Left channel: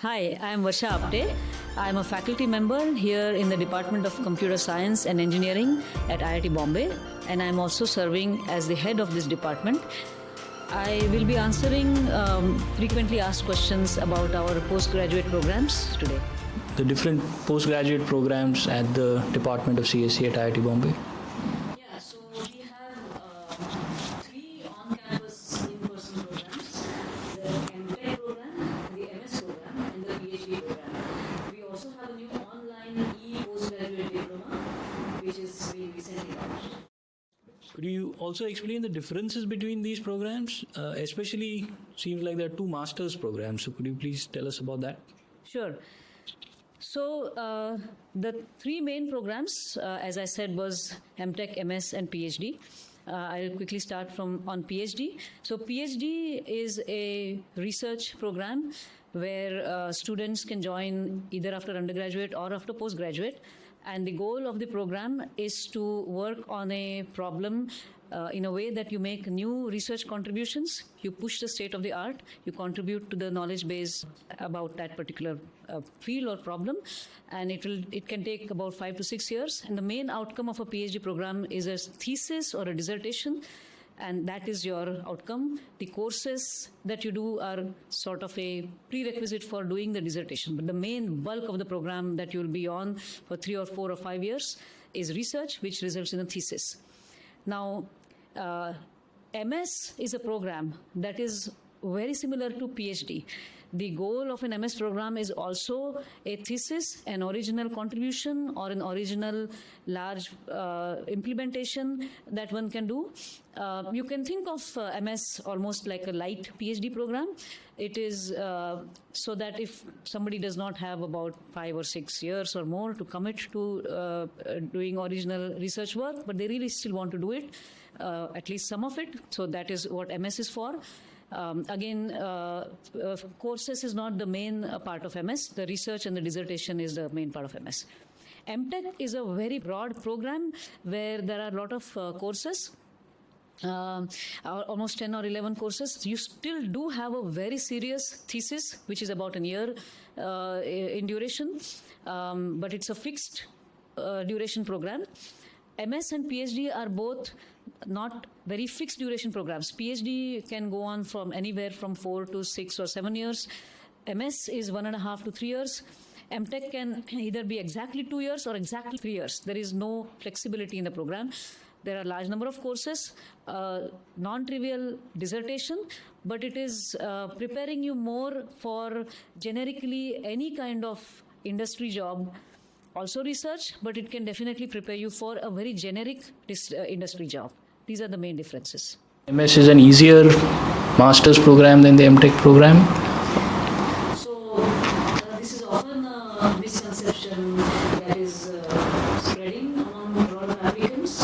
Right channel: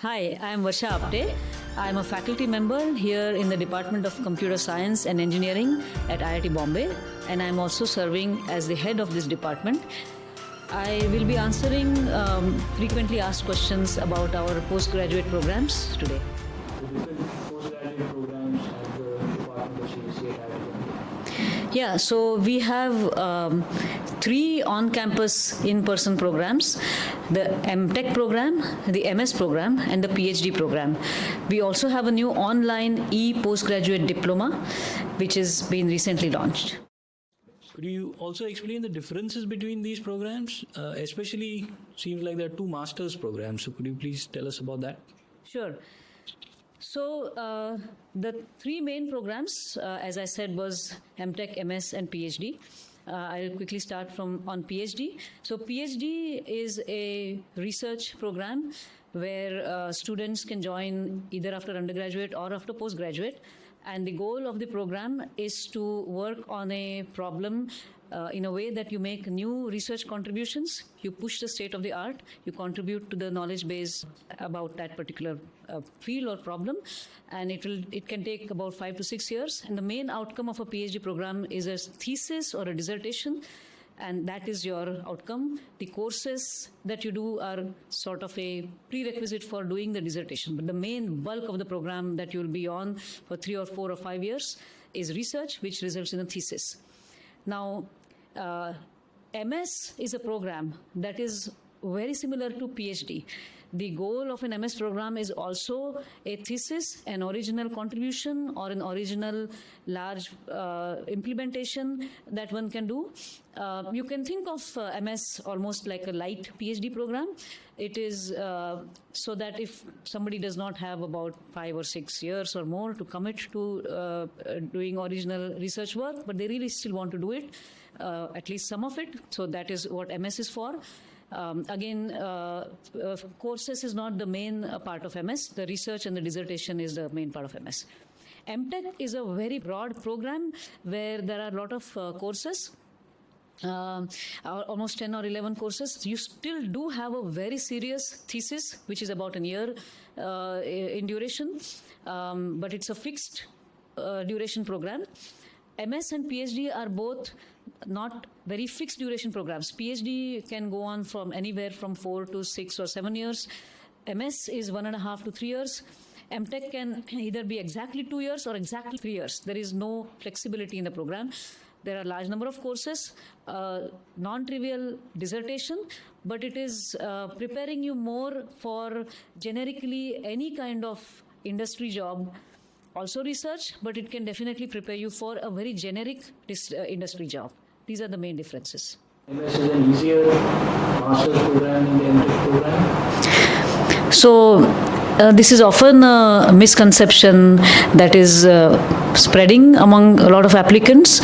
Hi, I am Varsha Apte. I am a faculty member here in the Department of Computer Science and Engineering at IIT Bombay, and I am also serving as the head of this department. I will be answering frequently asked questions about our postgraduate programs today. The different postgraduate programs at the Department of CSE at IIT Bombay. Yeah, so we have 3 on-campus in-person programs, the M.Tech program, the M.S program, and the Ph.D program. We also have a new online e-postgraduate diploma, which has been recently launched. Could you also explain the differences between these programs? Especially, seems like there are 2 master's programs. So could you please tell us about that? Sure. So the 3 main programs, as I said, was M.Tech, M.S, and Ph.D. I'll quickly start on Ph.D. So Ph.D is a research program where students can join either after undergraduate or after postgraduate. And the goal of the program is to work on a problem in a way that you make new research contributions, you push the state of the art, you contribute to the knowledge base about that particular field or problem, and it can take about 5 to 6 years. And the main outcome of a PhD program is a thesis or a dissertation, and that is your outcome. The courses that you do are sort of a prerequisite for doing the dissertation, but the main bulk of the program that you will be on for 3 or 4 or 5 years is research, which results in a thesis. Now, MS is a program that is very similar to PhD. The goal of an MS program is also a thesis, an original contribution, or an original large implementation that one can do. You can think of MS almost like a light PhD program. It is so that if somebody does not have about 5 or 6 years or more to commit to doing original research work, but they really still want to do it, at least some of it. So that is what MS is for. Courses is not the main part of MS. The research and the dissertation is the main part of MS. M.Tech is a very broad program where there are a lot of courses. Almost 10 or 11 courses. You still do have a very serious thesis, which is about a year in duration, but it's a fixed duration program. MS and PhD are both not very fixed duration programs. PhD can go on from anywhere from 4 to 6 or 7 years. MS is 1.5 to 3 years. M.Tech can either be exactly 2 years or exactly 3 years. There is no flexibility in the program. There are a large number of courses, non-trivial dissertation, but it is preparing you more for generically any kind of industry job. Also research, but it can definitely prepare you for a very generic industry job. These are the main differences. MS is an easier master's program than the M.Tech program? So this is often a misconception that is spreading among a lot of applicants.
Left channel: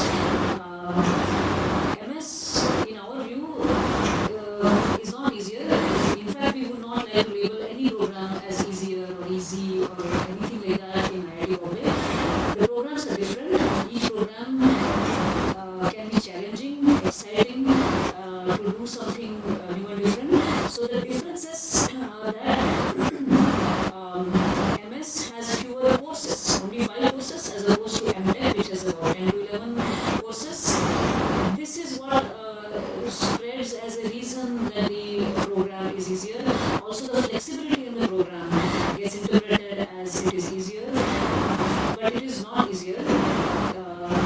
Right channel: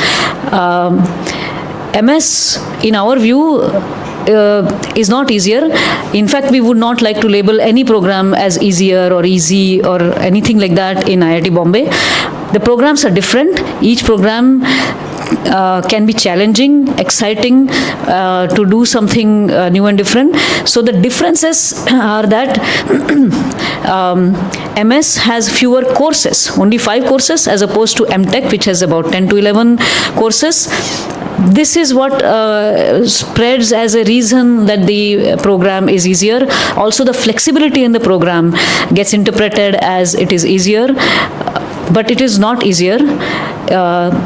MS, in our view, is not easier. In fact, we would not like to label any program as easier or easy or anything like that in IIT Bombay. The programs are different. Each program can be challenging, exciting, to do something new and different. So the differences are that MS has fewer courses, only 5 courses, as opposed to M.Tech, which has about 10 to 11 courses. This is what spreads as a reason that the program is easier. Also, the flexibility in the program gets interpreted as it is easier, but it is not easier.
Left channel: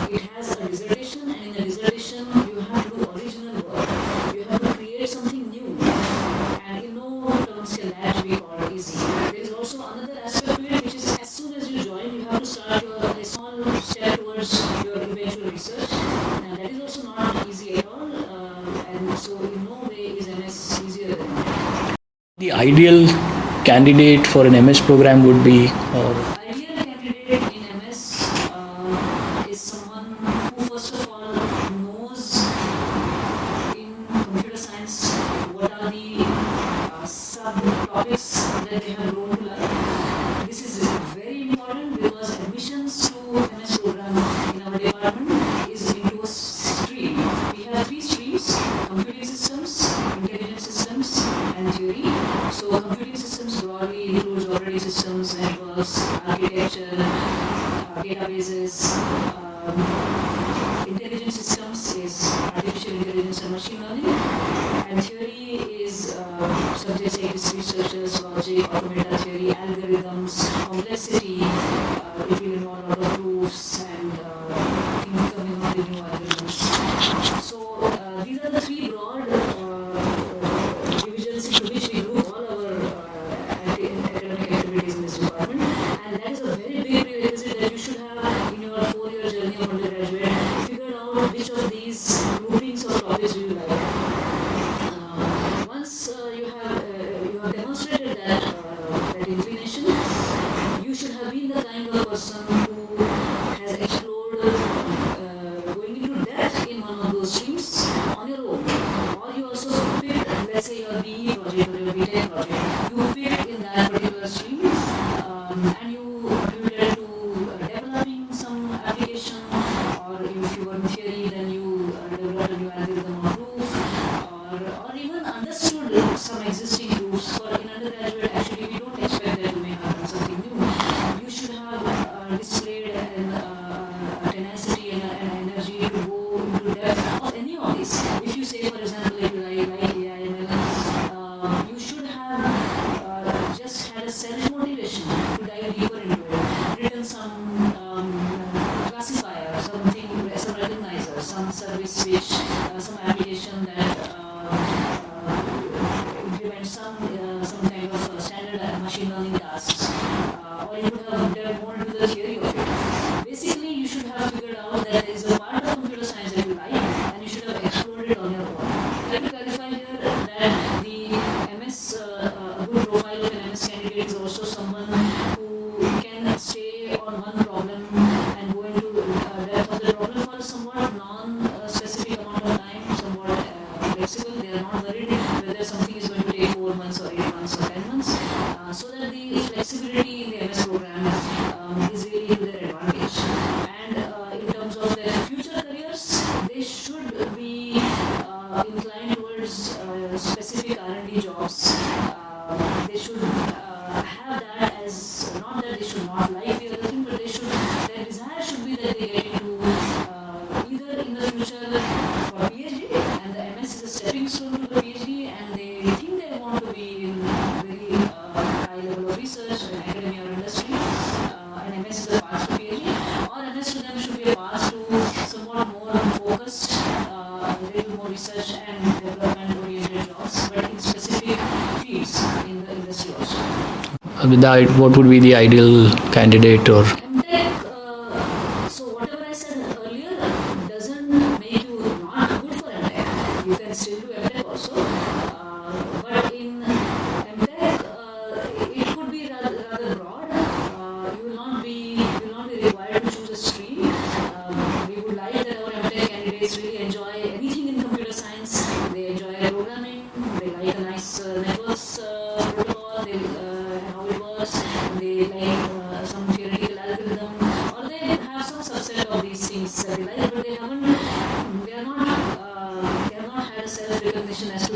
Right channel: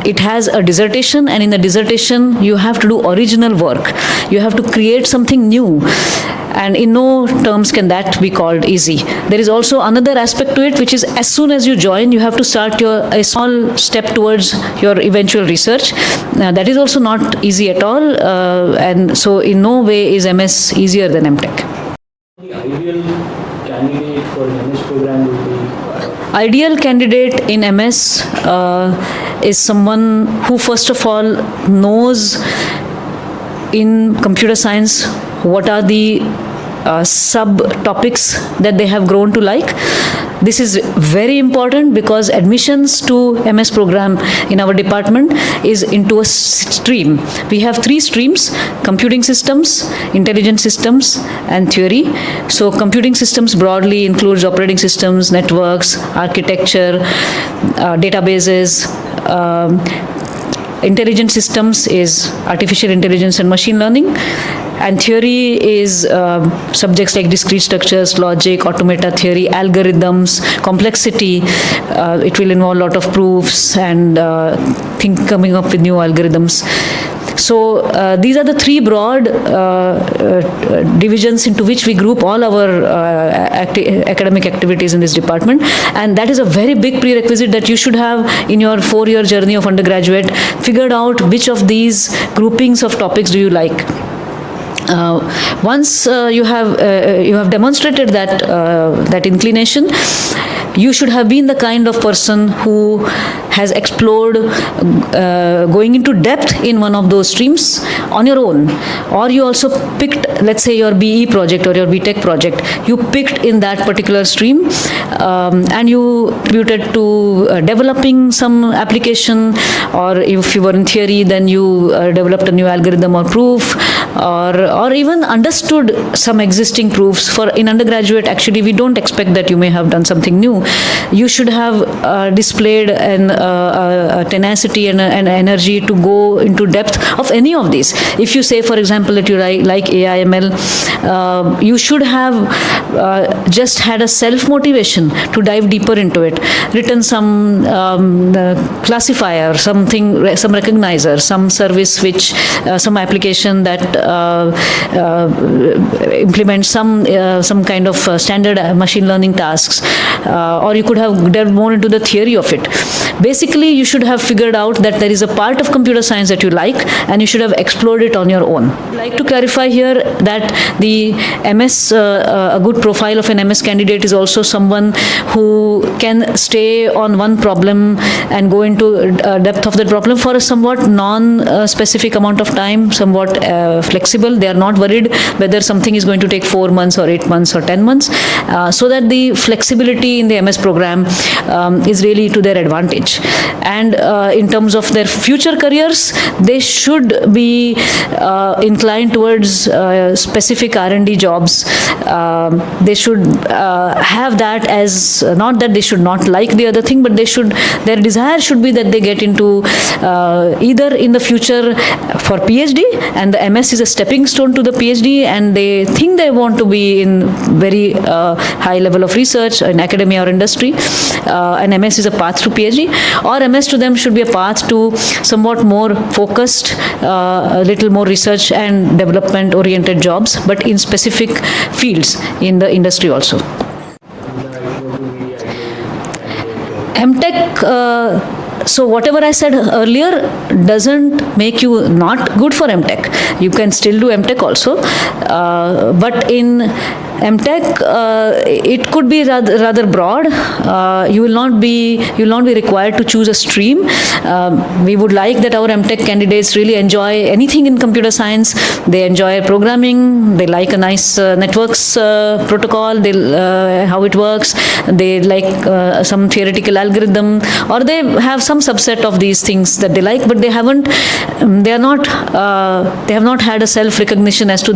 It has a dissertation, and in the dissertation, you have to do original work. You have to create something new. And in no terms can that be called easy. There is also another aspect to it, which is as soon as you join, you have to start a small step towards your eventual research. That is also not easy at all. And so in no way is MS easier than M.Tech. The ideal candidate for an MS program would be? Ideal candidate in MS is someone who first of all knows in computer science what are the sub-topics that they have grown to like. this is very important because admissions to MS program in our department is into a stream. We have 3 streams: computing systems, intelligent systems, and theory. So computing systems broadly includes operating systems, networks, architecture, databases. Intelligent systems is artificial intelligence and machine learning. And theory is subjects like discrete structures, logic, automata theory, algorithms, complexity. It will involve a lot of proofs and coming up with new algorithms. So these are the 3 broad divisions into which we group all our academic activities in this department. And that is a very big prerequisite that you should have in your 4-year journey of undergraduate, figured out which of these groupings of topics do you like. Once you have demonstrated that inclination, you should have been the kind of person who has explored going into depth in one of those streams on your own. Or you also picked, let's say, your BE project or your B.Tech project. You picked in that particular stream and you contributed to developing some application, or if you were in theory, then you developed a new algorithm or proof, or even understood some existing proofs. For in undergraduate, actually, we don't expect that you may have done something new. You should have displayed a tenacity and an energy to go into depth of any of these. If you say, for example, that you like AI, ML, you should have just had a self-motivation to dive deeper into it, written some classifier, some recognizer, some service which, some application that implements some kind of standard machine learning tasks, or you could have delved more into the theory of it. Basically, you should have figured out that there is a part of computer science that you like, and you should have explored it on your own. I'd like to clarify here that the MS, a good profile of an MS candidate is also someone who can stay on one problem and go into depth of that problem for a somewhat non-specific amount of time, somewhat flexible. They are not worried whether something is going to take 4 months or 8 months or 10 months, so that the flexibility in the MS program is really to their advantage. And in terms of their future careers, they should be inclined towards specific R&D jobs. They should have that as, not that they should not like the other thing, but their desire should be that they get into either in the future for PhD, and the MS is a stepping stone to the PhD, and they think they want to be in very high level of research in academia or industry, and MS is a path to PhD, or MS to them should be a path to somewhat more focused, a little more research and development oriented jobs, but in specific fields in the industry also. What would be the ideal candidate? Or M.Tech, so whatever I said earlier doesn't make you not good for M.Tech. You can still do M.Tech also, but in M.Tech, it could be rather broad. You will not be required to choose a stream. We would like that our M.Tech candidates really enjoy anything in computer science. They enjoy programming. They like a nice networks protocol. How it works. They like some theoretical algorithm, or they have some subset of these things that they like, but they have not had a self-recognition as to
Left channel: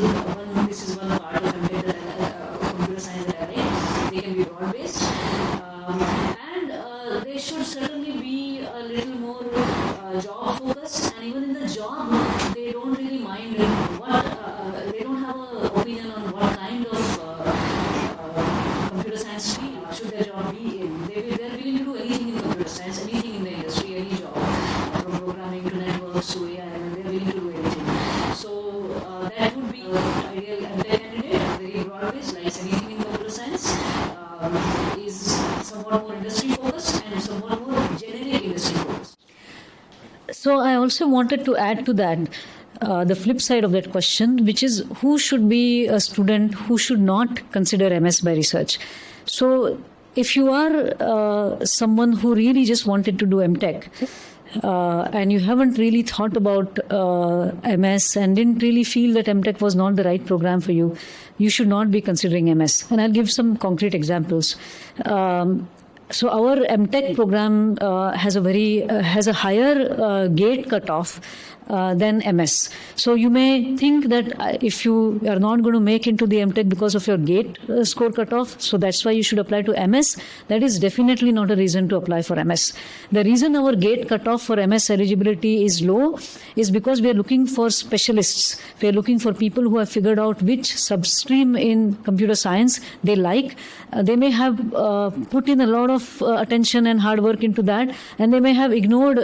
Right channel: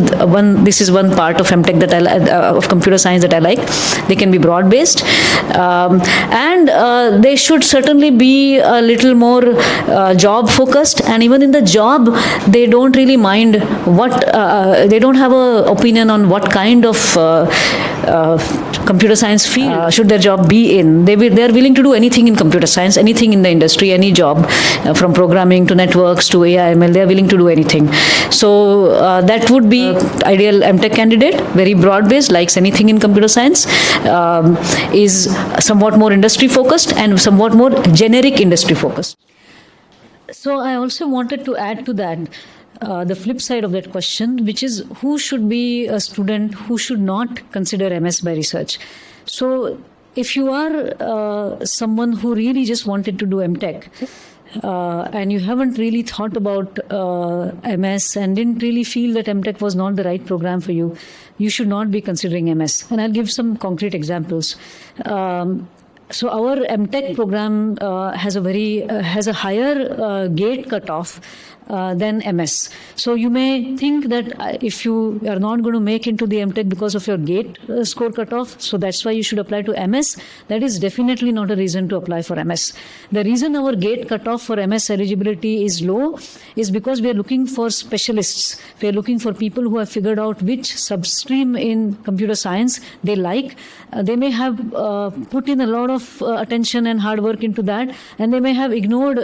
this is one part of M.Tech that of computer science that I like. They can be broad-based, and they should certainly be a little more job-focused. And even in the job, they don't really mind they don't have an opinion on what kind of computer science field should their job be in. They are willing to do anything in computer science, anything in the industry, any job, from programming to networks to AI, ML. They are willing to do anything. So that would be ideal M.Tech candidate, very broad-based, likes anything in computer science, is somewhat more industry-focused and somewhat more generic industry-focused. So I also wanted to add to that the flip side of that question, which is who should be a student who should not consider MS by research. So if you are someone who really just wanted to do M.Tech, and you haven't really thought about MS and didn't really feel that M.Tech was not the right program for you, you should not be considering MS. And I'll give some concrete examples. So our M.Tech program has a higher gate cutoff than MS. So you may think that if you are not going to make into the M.Tech because of your gate score cutoff, so that's why you should apply to MS. That is definitely not a reason to apply for MS. The reason our gate cutoff for MS eligibility is low is because we are looking for specialists. We are looking for people who have figured out which substream in computer science they like. They may have put in a lot of attention and hard work into that, and they may have ignored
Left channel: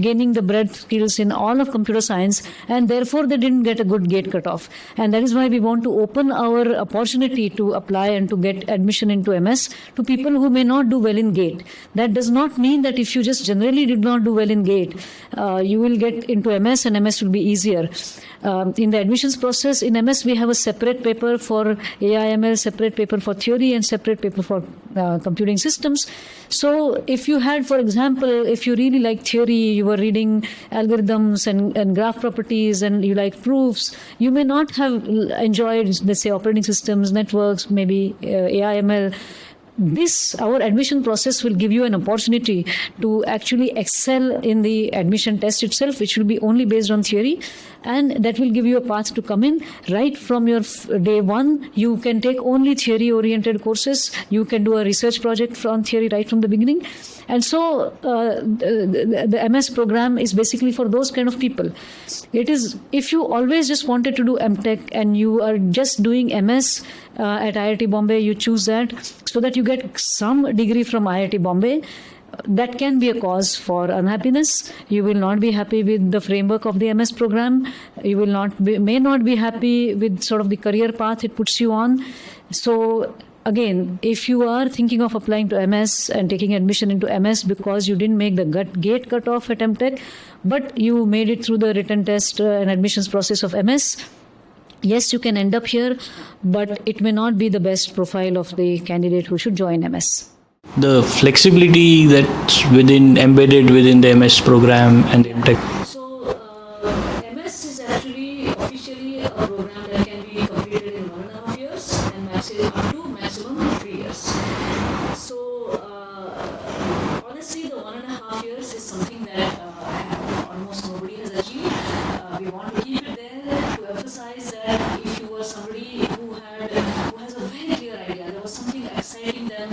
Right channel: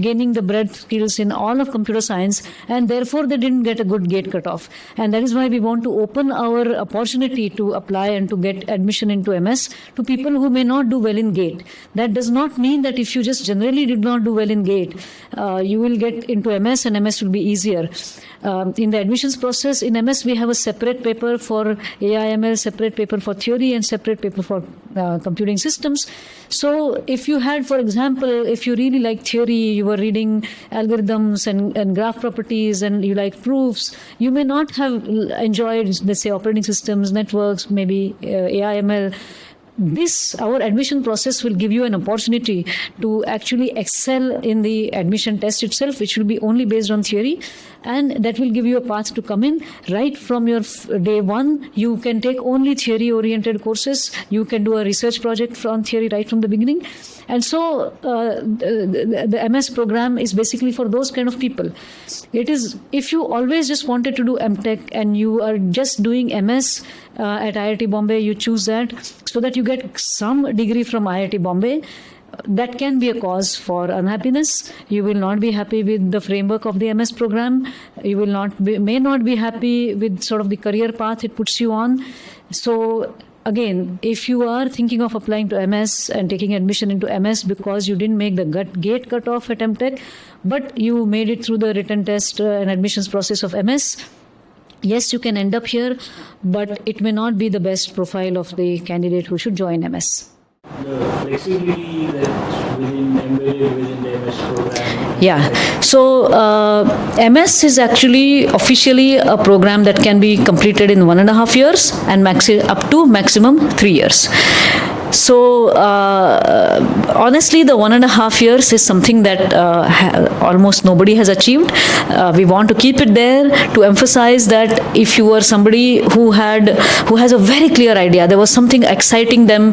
gaining the breadth skills in all of computer science, and therefore they didn't get a good gate cutoff. And that is why we want to open our opportunity to apply and to get admission into MS to people who may not do well in gate. That does not mean that if you just generally did not do well in gate, you will get into MS and MS will be easier. In the admissions process, in MS, we have a separate paper for AI/ML, separate paper for theory, and separate paper for computing systems. So if you had, for example, if you really like theory, you were reading algorithms and graph properties, and you like proofs, you may not have enjoyed, let's say, operating systems, networks, maybe AI/ML. Our admission process will give you an opportunity to actually excel in the admission test itself, which will be only based on theory, and that will give you a path to come in. Right from your day one, you can take only theory-oriented courses. You can do a research project on theory right from the beginning. And so the MS program is basically for those kind of people. It is, if you always just wanted to do M.Tech and you are just doing MS at IIT Bombay, you choose that so that you get some degree from IIT Bombay. That can be a cause for unhappiness. You will not be happy with the framework of the MS program. You will may not be happy with sort of the career path it puts you on. So again, if you are thinking of applying to MS and taking admission into MS because you didn't make the gate cutoff at M.Tech, but you made it through the written test and admissions process of MS, yes, you can end up here, but it may not be the best profile of the candidate who should join MS. The flexibility that's embedded within the MS program and Tech. So MS is actually officially a program that can be completed in 1.5 years and up to maximum 3 years. So honestly, the 1.5 years is something that almost nobody has achieved. We want to keep it there to emphasize that if you were somebody who has a very clear idea, there was something exciting them,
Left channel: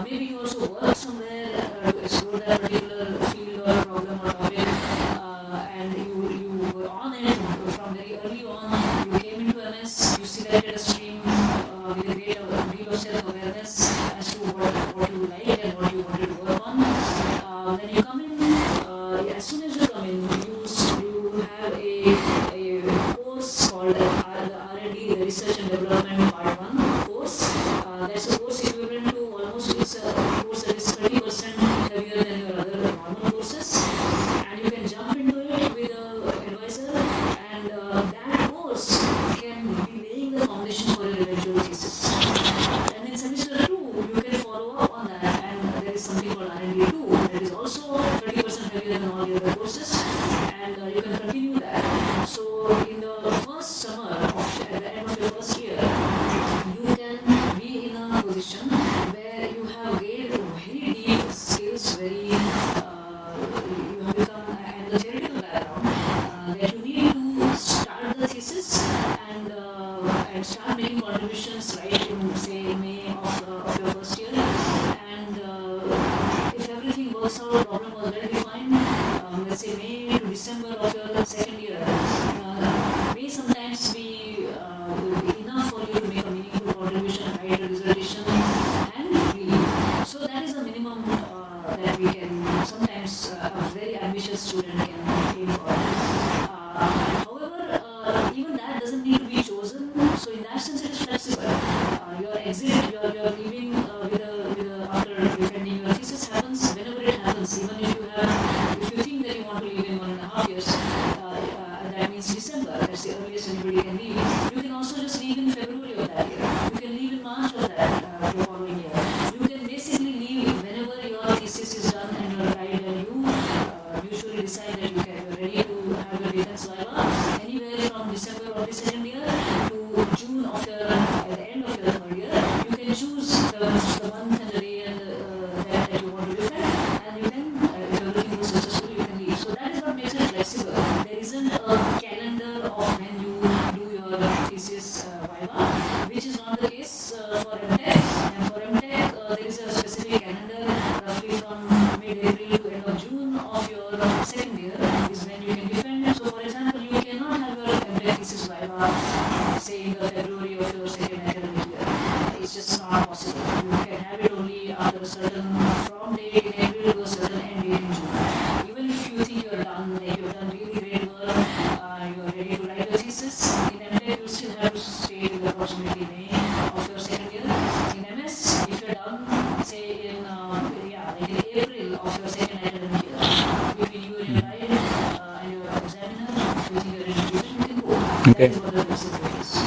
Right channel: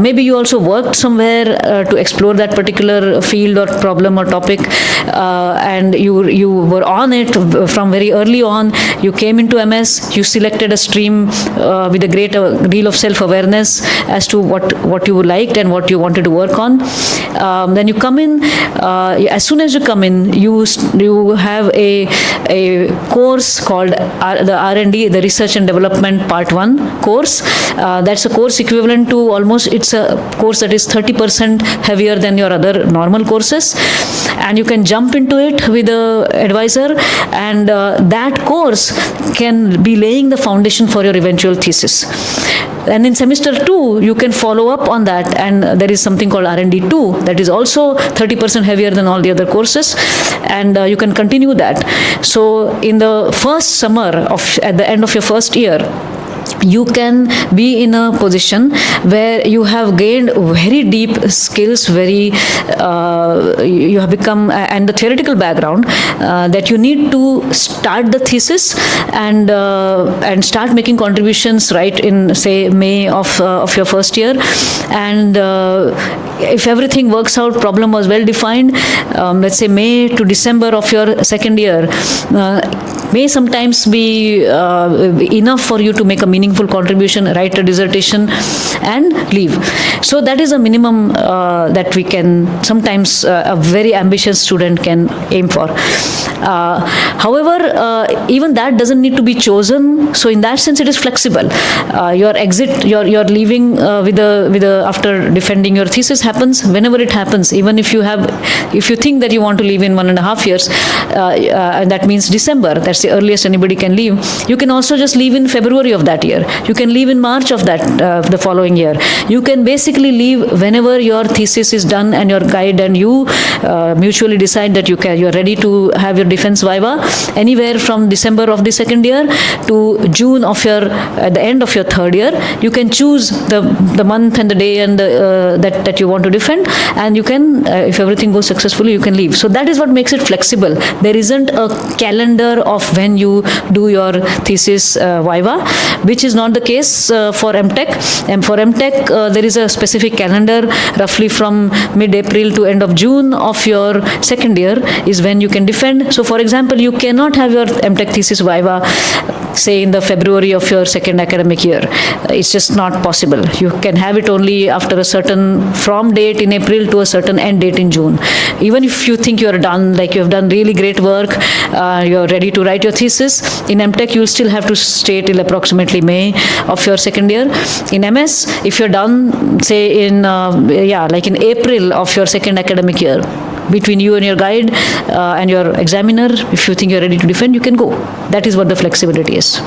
maybe you also worked somewhere to explore that particular field or problem or topic, and you were on it from very early on. You came into MS, you selected a stream with a great deal of self-awareness as to what you liked and what you wanted to work on. Then you come in. As soon as you come in, you have a course called the R&D, the Research and Development Part 1 course. That's a course equivalent to it's a course that is 30% heavier than your other normal courses. And you can jump into it with an advisor, and that course can be laying the foundation for your eventual thesis. And in semester 2, you can follow up on that, and there is something called R&D 2 that is also 30% heavier than all the other courses, and you can continue that. So in the first summer at the end of your first year, you can be in a position where you have gained very deep skills, you have become, and the theoretical background that you need to start the thesis and start making contributions right in, say, May of your first year. And if everything works out, problem was well defined, let's say May to December of your second year may sometimes be enough for you to make a meaningful contribution, write a dissertation, and leave. So that is a minimum that we can sometimes a very ambitious student can aim for. However, even that doesn't need to be chosen. So in that sense, it is flexible. Your exit, your leaving after defending your thesis happens whenever it happens. Even if you think that you want to leave in 1.5 years, and that means December. That's the earliest anybody can leave. You can also just leave in February of that year. year. You can leave in March of that the following year. You can basically leave whenever your thesis is done and your guide and you mutually decide that you're ready to have your defense viva, anywhere from December of the second year to June of at the end of your third year. You can choose the month and the day and that you want to defend, and you can, if everything goes successfully, you can leave. So that is what makes it flexible. There isn't a calendar of when you do your thesis viva, which is not the case for M.Tech. And for M.Tech, there is a specific calendar, roughly from mid-April to end of June of your second year is when you can defend. So for example, you cannot have your M.Tech thesis viva, say in the February of your second academic year. It's just not possible. You can have it only after a certain from date in April to a certain end date in June. Even if you think you're done, like you have done really great work, you're ready to write your thesis, in M.Tech you'll still have to stay till approximately May of your second year. In M.S, if you're done, say in like in April of your second academic year, between you and your guide and your examiner, if you think you're ready to defend, you can go. Okay. That is what the flexibility is.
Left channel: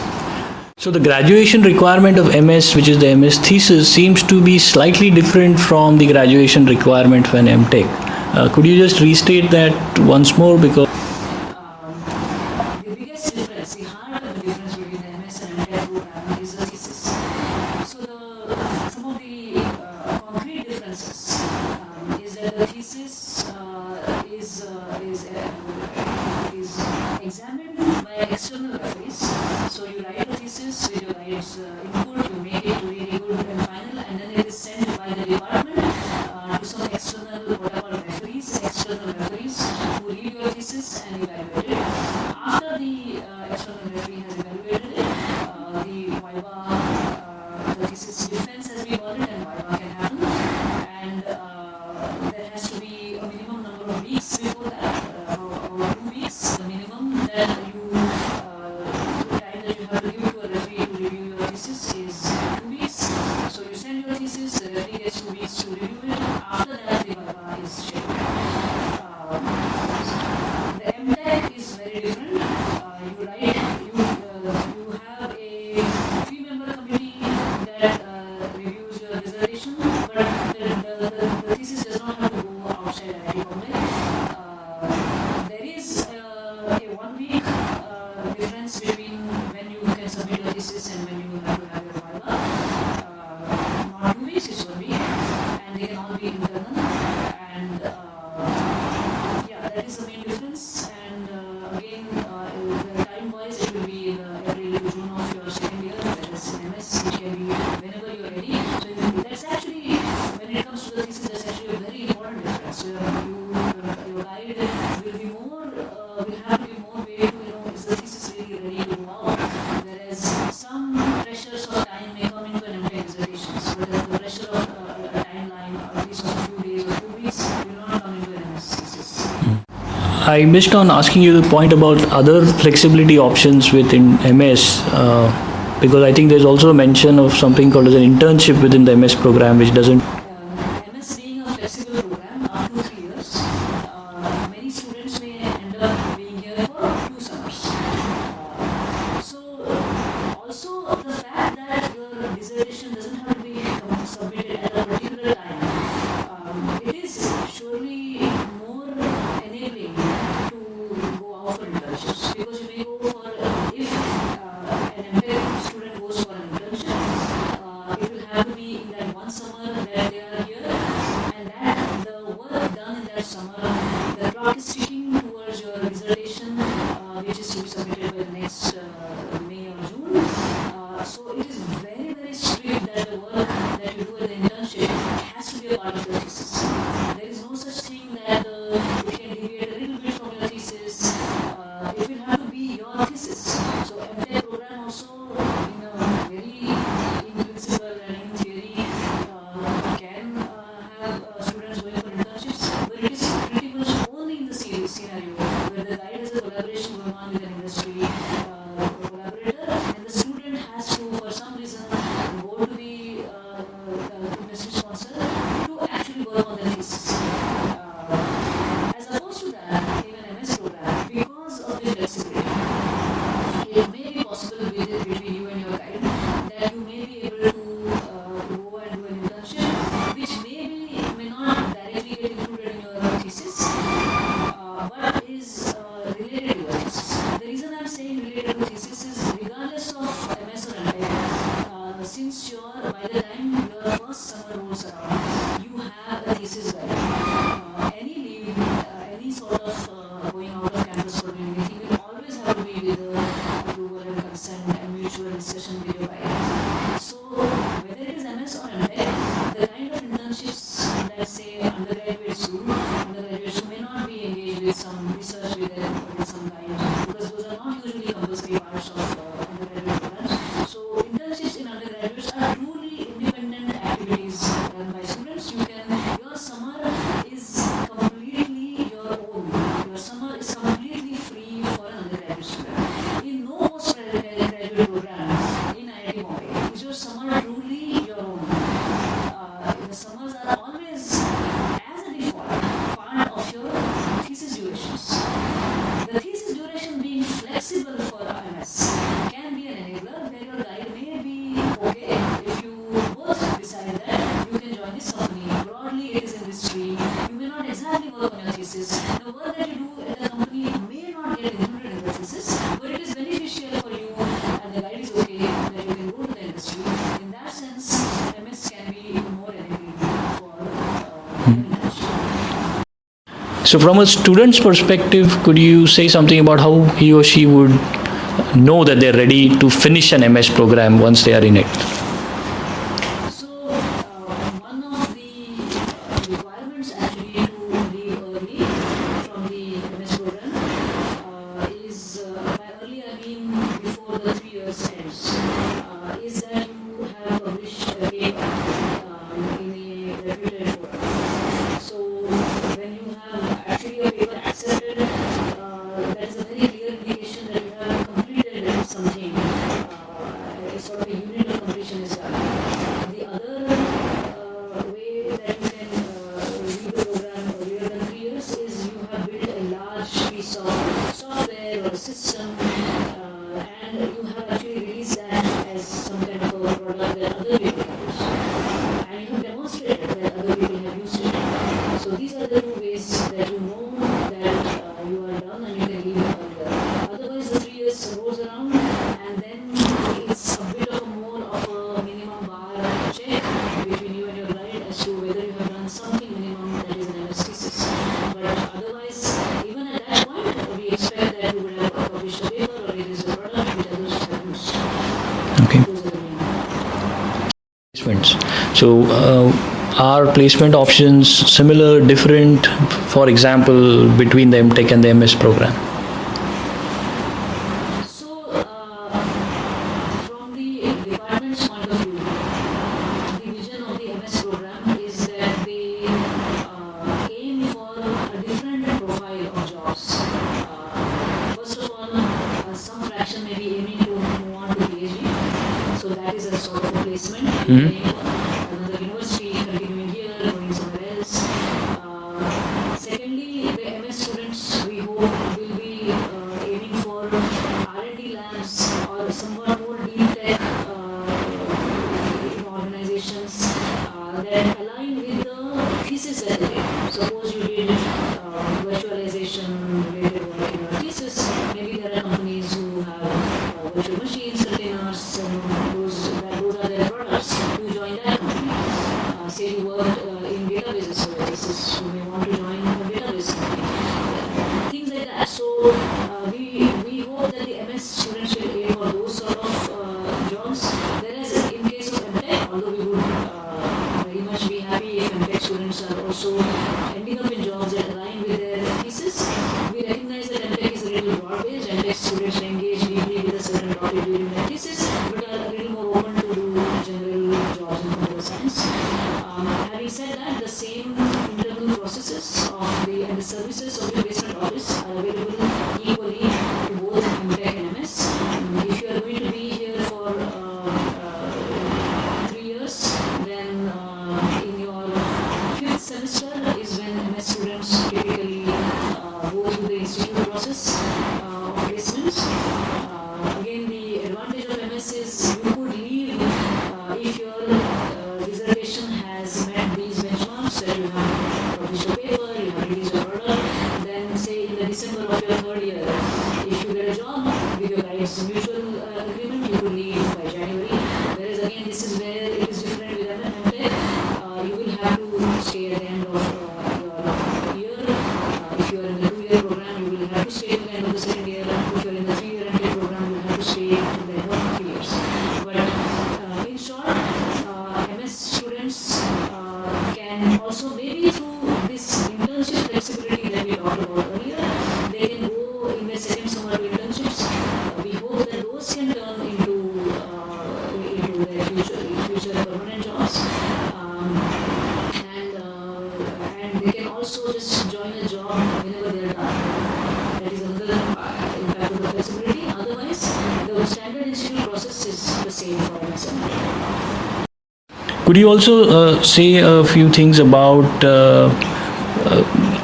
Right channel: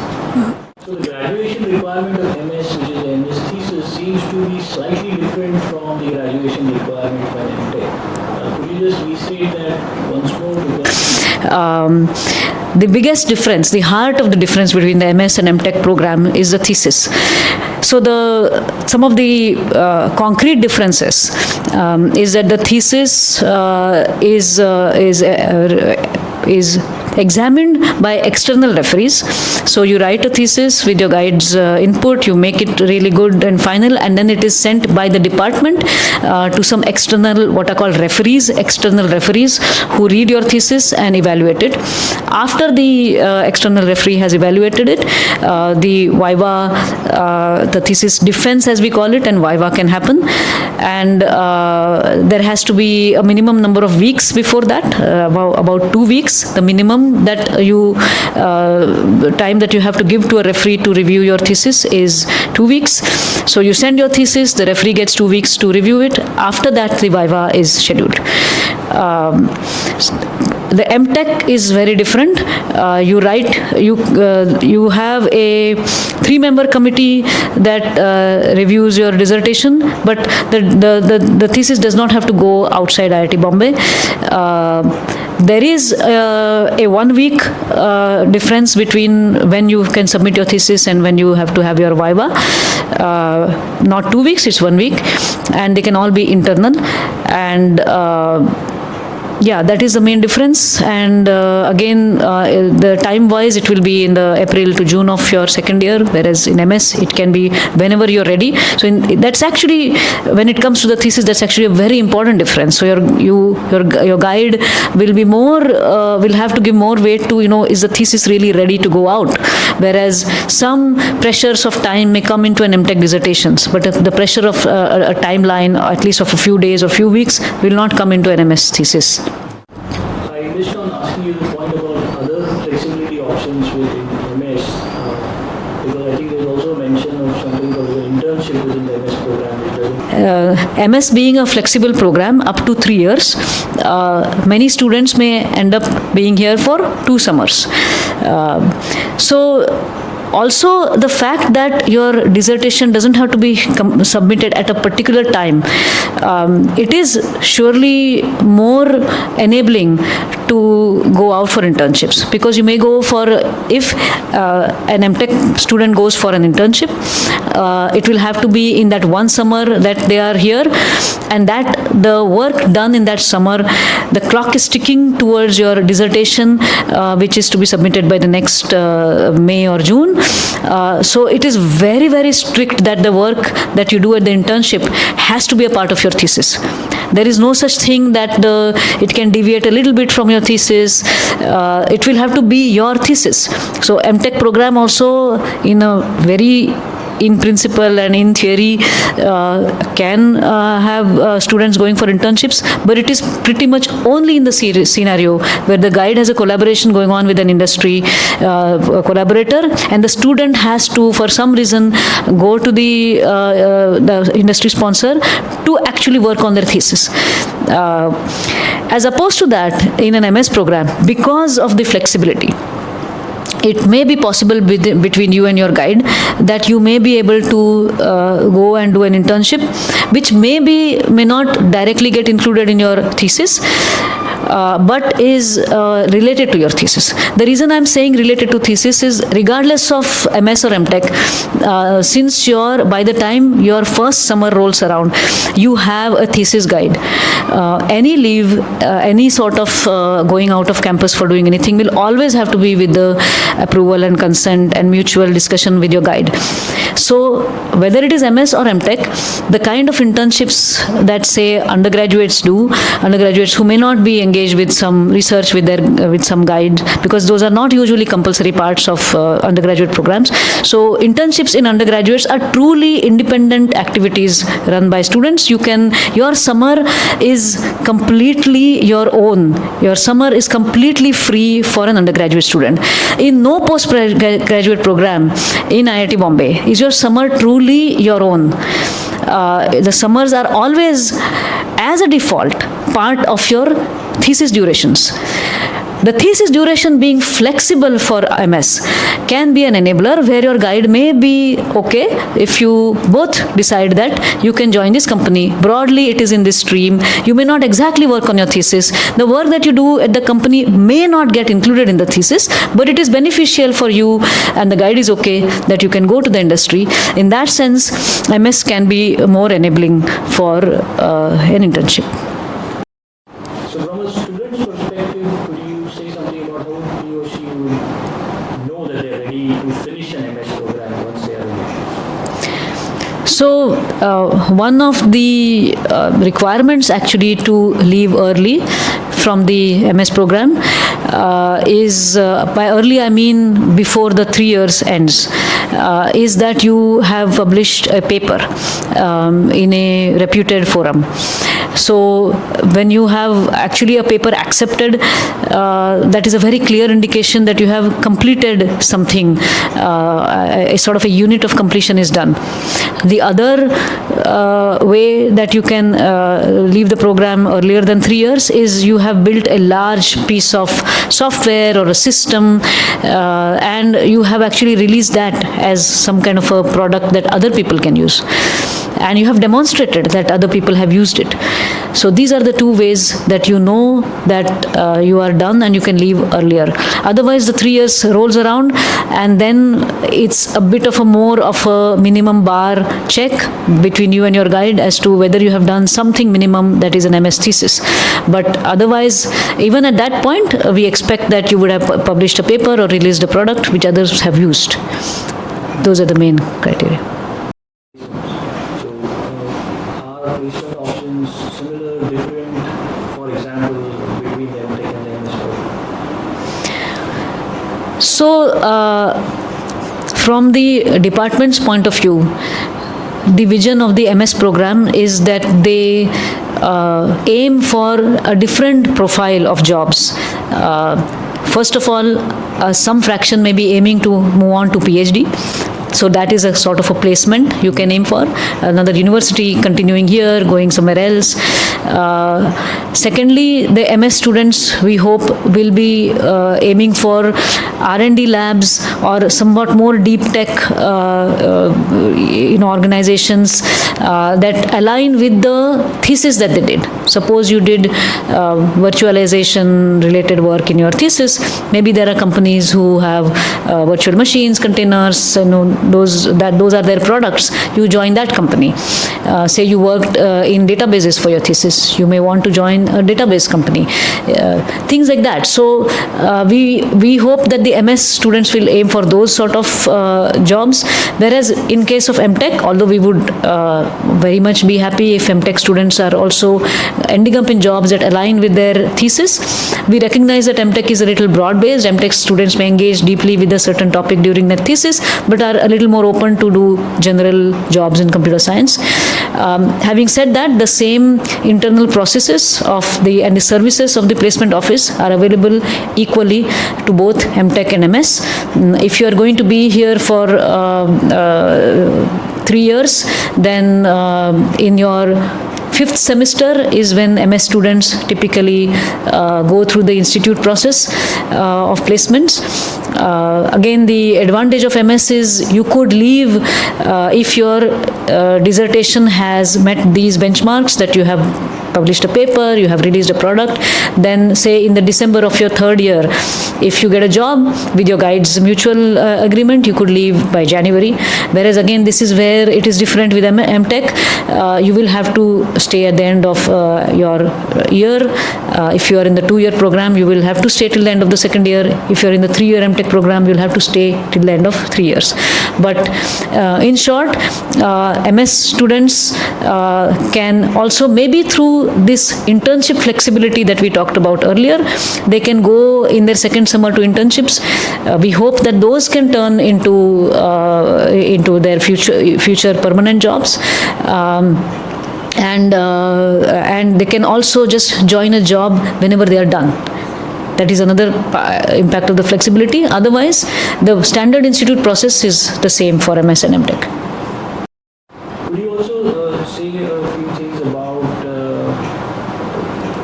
So the graduation requirement of MS, which is the MS thesis, seems to be slightly different from the graduation requirement for an M.Tech. Could you just restate that once more? Because the biggest difference, the heart of the difference between the MS and M.Tech program is the thesis. So some of the concrete differences is that the thesis is examined by external referees. So you write a thesis with your guide's input, you make it really good and final, and then it is sent by the department to some external, what are called external referees who read your thesis and evaluate it. After the external referee has evaluated it, the viva, the thesis defense as we call it, and viva can happen. And there has to be a minimum number of weeks before that, about 2 weeks, the minimum that time that you have to give to a referee to review your thesis is 2 weeks. So you send your thesis, the referee gets 2 weeks to review it. After that, the viva is scheduled. The M.Tech is very different. You have a 3-member committee that reviews your dissertation, but the thesis does not have to go outside IIT Bombay. There is a 1 week difference between when you can submit your thesis and when you have to have your viva. Not 2 weeks, it's 1 week, and they can all be internal. And that is the main difference. And again, the time-wise, it will be in the April to June of your second year, whereas in MS, it can be whenever you're ready. So that's actually, when it comes to the thesis, that's actually a very important difference. So your guide will be will have to give more weight to, is the thesis really ready to go out? Whereas some pressures of time may come into an M.Tech dissertations, but the pressure of a timeline, at least of a few days or few weeks, will not come into an MS thesis. I missed on asking you the point about other flexibility options within MS, because I think there's also a mention of something called as an internship within the MS program, which doesn't... MS being a flexible program up to 3 years, many students may end up being here for 2 summers. Also, the fact that your dissertation doesn't have to be submitted at a particular time, it is surely more enabling to go out for internships, because you may go for, if an M.Tech student goes for an internship, it will have to be in that 1 summer that they are here, and that the work done in that summer, the clock is ticking towards your dissertation, which is to be submitted by the next May or June. So it is very, very strict that the work that you do at the internship has to be a part of your thesis. There is no such thing that it can deviate a little bit from your thesis. It will have to be your thesis. So M.Tech program also, in principle and in theory, can have students going for internships, but it is pretty much only in the scenario where the guide has a collaboration going on with an industry collaborator, and the student has to, for some reason, go to the industry sponsor to actually work on their thesis. As opposed to that, in an MS program, because of the flexibility, it may be possible between you and your guide that you may be able to go and do an internship, which may not directly get included in your thesis, but is related to your thesis. The reason I'm saying related to thesis is regardless of MS or M.Tech, since by the time your first summer rolls around, you have a thesis guide. Any leave, any sort of going out of campus for doing anything will always have to be with the approval and consent and mutual discussion with your guide. So whether it is MS or M.Tech, the kind of internships that, say, undergraduates do, undergraduates who may not be engaged with some research with some guide, because those are not usually compulsory parts of undergraduate programs. So internships in undergraduates are truly independent activities run by students. Your summer is completely your own. Your summer is completely free for an undergraduate student. In no postgraduate program in IIT Bombay is your summer truly your own. The summers are always, as a default, part of your thesis durations. The thesis duration being flexible for MS can be an enabler where your guide may be okay if you both decide that you can join this company. Broadly, it is in this stream. You may not exactly work on your thesis. The work that you do at the company may not get included in the thesis, but it is beneficial for you, and the guide is okay that you can go to the industry. In that sense, MS can be more enabling for an internship. So from a student's perspective, could you say something about how he or she would know that they're ready to finish an MS program once they are in it? So one of the requirements actually to leave early from the MS program is, by early I mean before the 3 years ends, is that you have published a paper in a reputed forum. So when you have actually a paper accepted, that is a very clear indication that you have completed something. A sort of a unit of completion is done. The other way that you can leave the program earlier than 3 years is you have built a large piece of software or a system, and you have actually released that as some kind of a product that other people can use. And you have demonstrated that other people have used it. So these are the two ways that you know that you are done and you can leave earlier. Otherwise, the 3 years rolls around, and then it's a bit of a more of a minimum bar check between you and your guide as to whether you have done something minimum that is an MS thesis. But otherwise, even at that point, we expect that you would have published a paper or released a product which others have used. Okay. Those are the main criteria. So are placement options similar, different, for example, between the M.Tech and the MS program? So from the department's point of view, the vision of the MS program is that they aim for a different profile of jobs. First of all, some fraction may be aiming to move on to Ph.D. So that is a sort of a placement you can aim for. Another university, continuing here, going somewhere else. Secondly, the MS students, we hope, will be aiming for R&D labs or somewhat more deep tech organizations that align with the thesis that they did. Suppose you did virtualization related work in your thesis. Maybe there are companies who have virtual machines, containers, those are their products. You join that company. Say you worked in databases for your thesis. You may want to join a database company. Things like that. So we hope that the MS students will aim for those sort of jobs. Whereas in case of M.Tech, although we would very much be happy if M.Tech students are also ending up in jobs that align with their thesis, we recognize that M.Tech is a little broad-based. M.Tech students may engage deeply with a certain topic during their thesis, but are a little more open to do general jobs in computer science. Having said that, the same internal processes and the services of the placement office are available equally to both M.Tech and M.S. If you are going to be here for 3 years, then in your 5th semester is when MS students typically go through the institute process of placements. Again, the advantage of MS is you could leave if your dissertation has met these benchmarks, that you have published a paper, you have released a product, then say in the December of your third year, if you get a job with your guide's mutual agreement, you could leave by January. Whereas again, this is where it is different with M.Tech. You will have to stay at the end of your year. If you are in the 2-year program, you will have to stay till the end of the second year. If you are in the 3-year M.Tech program, you'll have to stay till the end of 3 years. But in short, MS students can also, maybe through this internship flexibility that we talked about earlier, they can go in their second summer to internships. We hope that those can turn into their future permanent jobs. And they can also just join a job whenever they are done. That is another impact of the flexibility. Otherwise, the standard institute process is the same for MS and M.Tech. Could you also say a few things about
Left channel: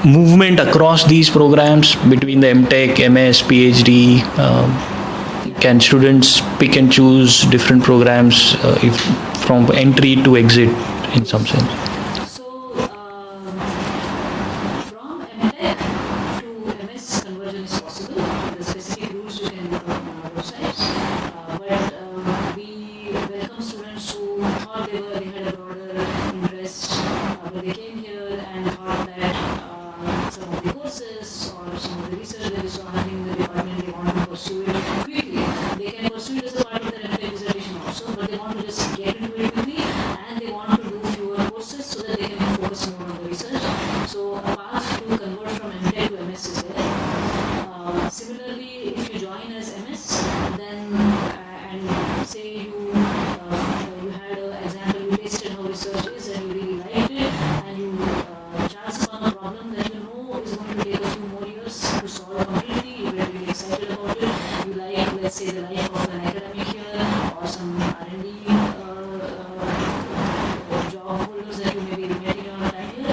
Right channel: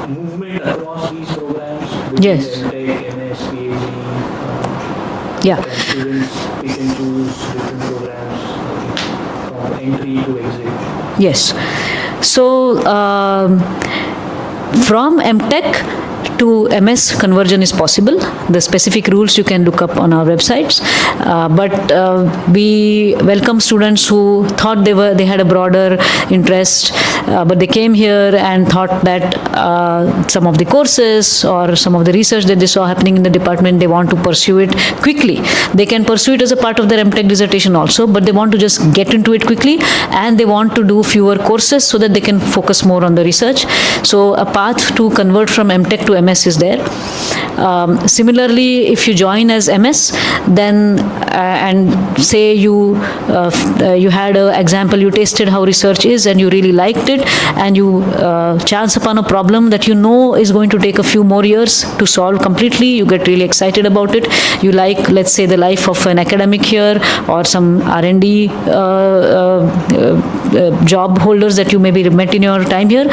movement across these programs between the M.Tech, MS, Ph.D.? Can students pick and choose different programs from entry to exit? Yes. So, from M.Tech to MS, conversion is possible. The specific rules you can look up on our websites. But we welcome students who thought they had a broader interest, but they came here and thought that some of the courses or some of the research that they saw happening in the department, they want to pursue it quickly. They can pursue it as a part of their M.Tech dissertation also, but they want to just get into it quickly, and they want to do fewer courses so that they can focus more on the research. So a path to convert from M.Tech to MS is there. Similarly, if you join as MS, then and say you had an example, you tasted how research is and you really liked it, and you chance upon a problem that you know is going to take a few more years to solve completely. You get really excited about it. You like, let's say, the life of an academic here, or some R&D job holders that you maybe met in your time here.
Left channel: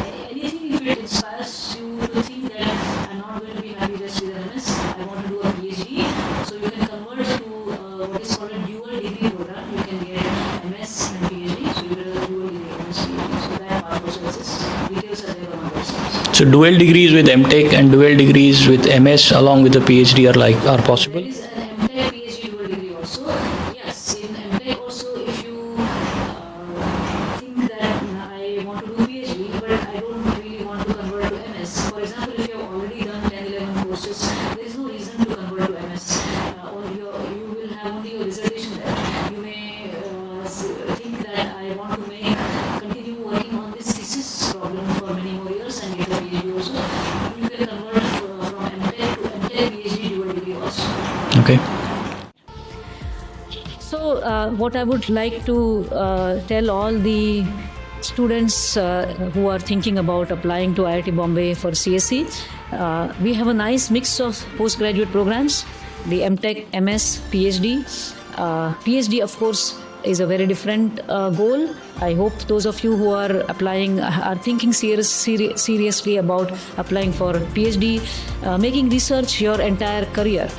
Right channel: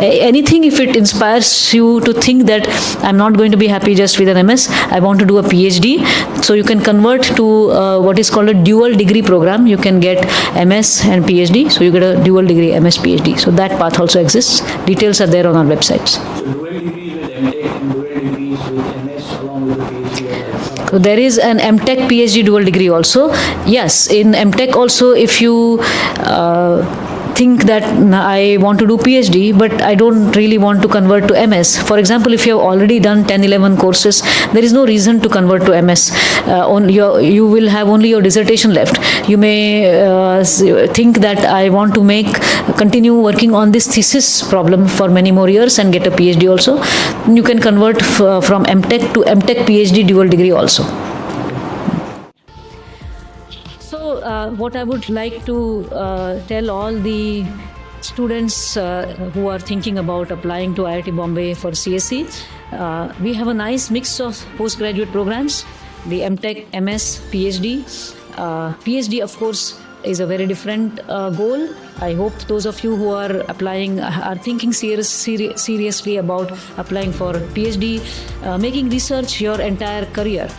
Anything, if it inspires you to think that I'm not going to be happy just with an MS, I want to do a Ph.D. So you can convert to what is called a dual degree program. You can get MS and Ph.D. So you get a dual degree MS Ph.D. So that path also exists. Details are there on our websites. So dual degrees with M.Tech and dual degrees with MS along with the Ph.D. are possible. So there is an M.Tech Ph.D. dual degree also. Yes, in M.Tech also, if you think that I want to do PhD, but I don't really want to convert to MS. For example, if you have already done 10-11 courses, there is no reason to convert to MS. You will have only your dissertation left. You may think that I want to continue working on this thesis problem for many more years and get a PhD also. You can convert from M.Tech to M.Tech PhD dual degree also. Okay. So what I would like to tell all the students who are thinking about applying to IIT Bombay for CSE, we have a nice mix of postgraduate programs, the M.Tech, MS, PhD. PhD, of course, is a very different goal. I hope those of you who are applying are thinking seriously about applying for PhD, making research your entire career.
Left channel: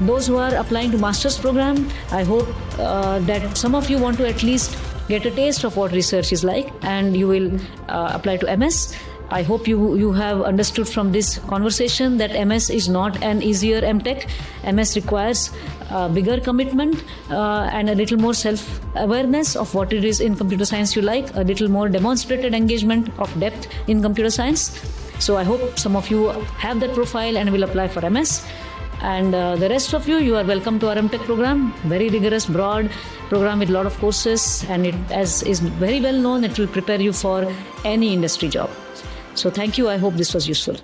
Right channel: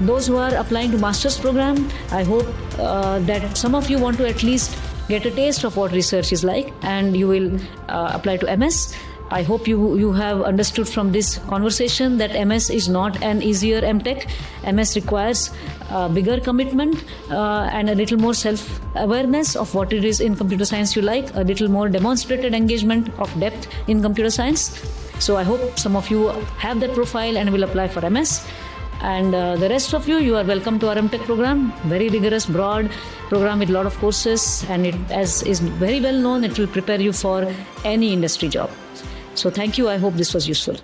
Those who are applying to master's program, I hope that some of you want to at least get a taste of what research is like, and you will apply to MS. I hope you have understood from this conversation that MS is not an easier M.Tech. MS requires bigger commitment and a little more self-awareness of what it is in computer science you like, a little more demonstrated engagement of depth in computer science. So I hope some of you have that profile and will apply for MS. And the rest of you are welcome to our M.Tech program. Very rigorous, broad program with a lot of courses, and it, as is very well known, it will prepare you for any industry job. So thank you. I hope this was useful.